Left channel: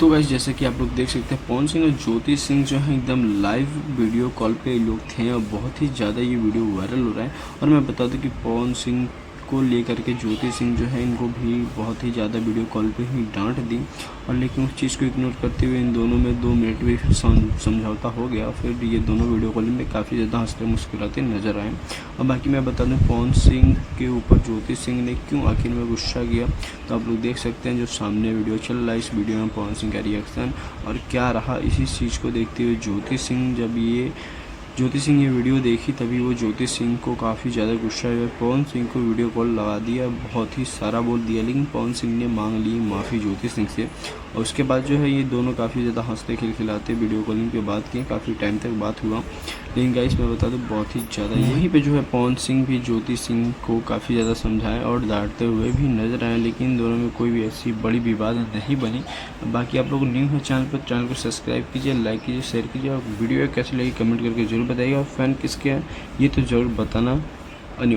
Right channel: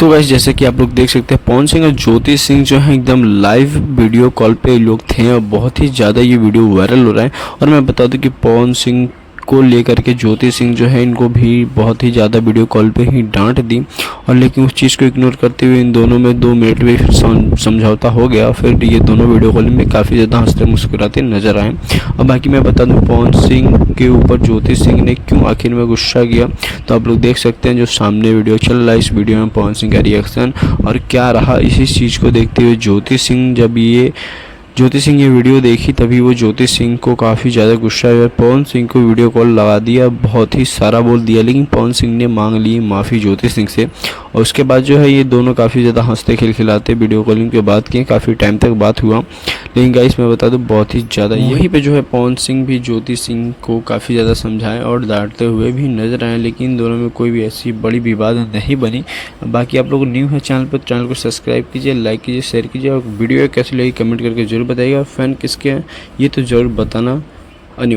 तो गाइस जैसे कि आप लोग देख सकते हैं पवन सिंह और ज्योति सिंह जो है एकदम लाइव वीडियो कॉल पे लोग थे और बहुत ही ज़्यादा ये वीडियो वायरल हो रहा है। और मैं बता दूं कि पवन सिंह को लेकर के ज्योति सिंह जो है इनको भी बहुत ही ज़्यादा वीडियो कॉल पे ही डांट दी, और लेकिन उस चीज़ को इग्नोर करते हुए इन दोनों में 2 मिनट में फिर समझौता हो गया। फिर ये दोनों वीडियो कॉल में काफ़ी ज़्यादा हंसते मुस्कुराते नजर आए। और बाकी मैं बता दूं पवन सिंह के ऊपर ज्योति सिंह ने क्यों आखिर में गुस्सा किया, तो आप लोग देख सकते हैं जो सामने वीडियो चल रहा है। इस वीडियो में पवन सिंह का रिएक्शन और क्या रहा, इसी चीज़ को देखते हुए ज्योति सिंह ये वीडियो देखी तभी वो ज्योति सिंह को काफ़ी ज़्यादा गुस्सा हुआ। पवन सिंह को वीडियो कॉल लगा दिया, बहुत ही सारा बोल दिया, लेकिन पवन सिंह ने मांग ली माफ़ी ज्योति सिंह से। और उसके बाद जो है ये दोनों काफ़ी ज़्यादा हंसते खिलखिलाते वीडियो कॉलिंग के बाद किए, काफ़ी टाइम तक बात हुआ। लेकिन गाइस मैं बता दूं बहुत ही ज़्यादा यहीं पे जो है पवन सिंह भी ज्योति सिंह को काफ़ी ज़्यादा समझाएं और डांटते हुए भी नजर आए, लेकिन इन दोनों में कोई भी ऐसी बड़ी विवाद नहीं बनी। बाकी आप लोग न्यू है चैनल पर, चैनल को सब्सक्राइब कीजिए, लाइक कीजिए, शेयर कीजिए, और वीडियो कैसी लगी कमेंट करके जरूर बताइएगा। फ़ैन किसके हैं ये तो ज़रूर बताना अनिवार्य।